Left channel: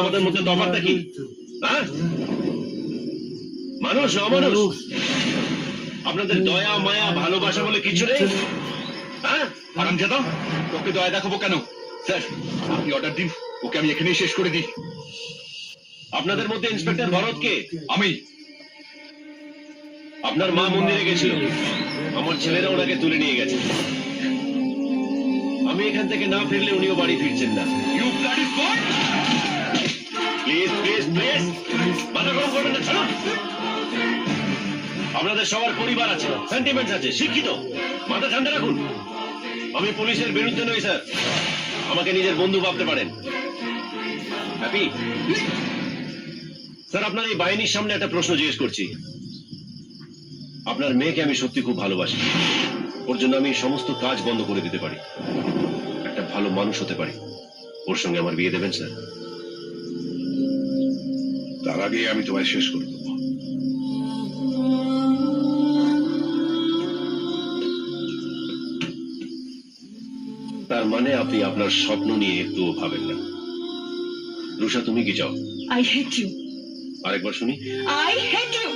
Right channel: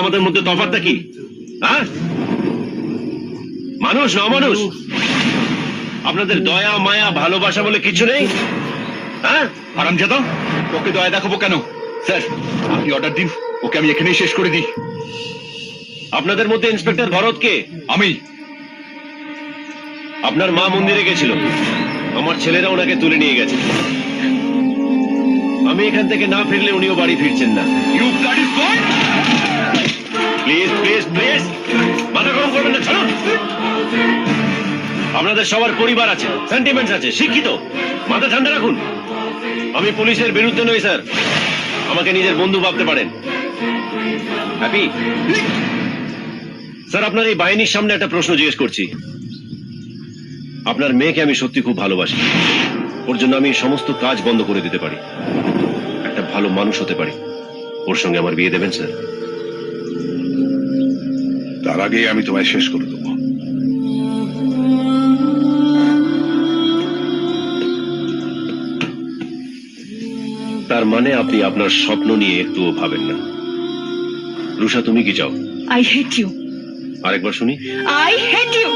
আমাদের মধ্যে তফাৎটা কি? হ্যাঁ, মানুষ না অমানুষ? আপনাদের দয়া মায়া ভালোবাসা বলে কিছু নেই? হ্যাঁ, হারামজাদা, ওকে দয়া দেখাবো কেন? স্যার, আপনি অর্ডার দিন, ওকে আমি এখানেই শেষ করে দিই। আপনাদের মধ্যে ইন্সপেক্টর ভরত কে? আমি। আপনার মা মন্দিরে গেছিল, আমার ছেলেরা ওনাকে তুলে নিয়ে গেছে। আমি এখান থেকে না ফিরলে উনিও বাড়ি ফিরছেন না। You bloody boy! Please please please, মাথা গরম করবেন না, ছাড়ুন। আপনাদের সবার পরিবার আছে, সেন্টিমেন্টস আছে, শিক্ষিত, মাথা ঠান্ডা রাখুন। আমি পুলিশের বিরুদ্ধে নই স্যার, আমাকে নিজের বন্ধু ভাবতে পারেন। হ্যাপি স্যার, আপনার এই বাহিনীর সামনে একটা প্রশ্ন জিজ্ঞেস করছি। আপনার মেয়েকে আমি সত্যি খুব ভালোবাসি, ওর জন্য আমি সমস্ত কাজ বন্ধ করে দিতে পারি, একটা ভালো মানুষ হতে পারি। ওর সঙ্গে আমার বিয়ে দেবেন স্যার? তার আগে আমি তোমায় শেষ করে দেবো। তার মানে আপনি আপনার স্বপ্ন নিয়ে একটুও ভাবেন না। রুষা, তুমি কি চাও? I hate you. আরেকবার শুনি। I hate you.